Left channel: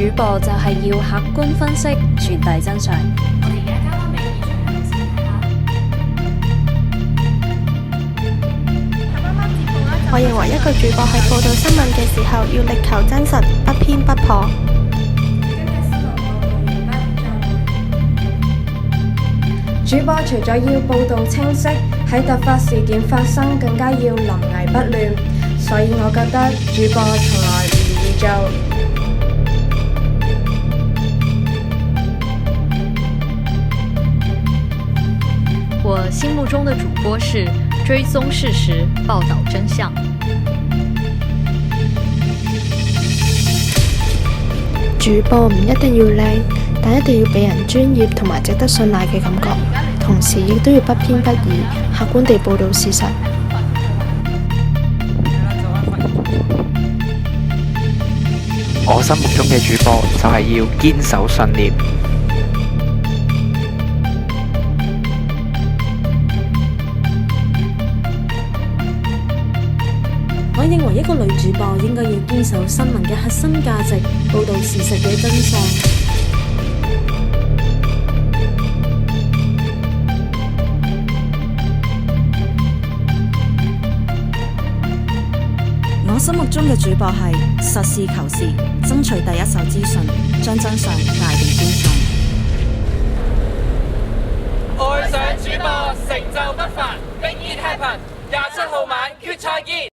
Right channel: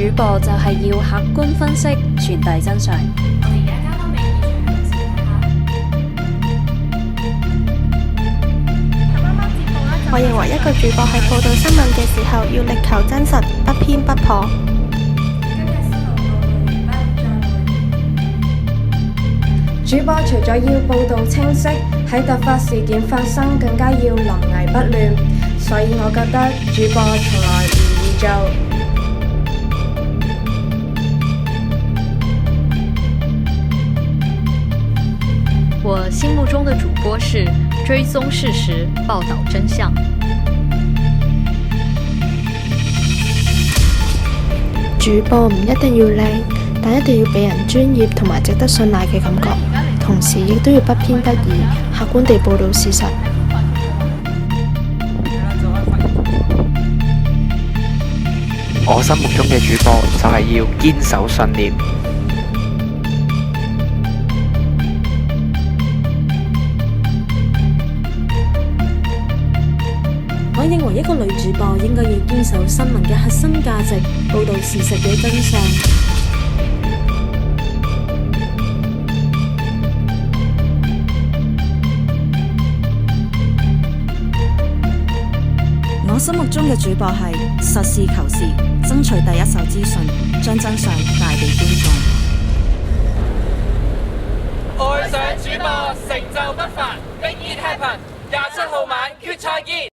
主播就係要客觀分析，傳遞真相。我哋而家交翻俾現場人士睇下。我認為一個主播喺報導新聞嘅時候，要力求真實，不偏不頗。今日新聞報導完畢，再會。主播除咗要報導清晰，喺突發事件發生更加要臨危不亂，所以我覺得主播從來唔易做。我心目中的主播是追蹤事實，報導真相。主播唔一定要靚，但一定要俾人專業同埋值得信賴嘅感覺，同時亦都要不偏不倚，客觀地報導事實。我心目中嘅主播就係要堅守信念。我認為一個女主播應該要堅守新聞嘅核心價值，報導事實嘅真相。我心目中嘅主播係實事求是，爭取第一手資訊，將真相帶俾觀眾。愛上主播，成就不凡，Make it happen！27號晚決賽見。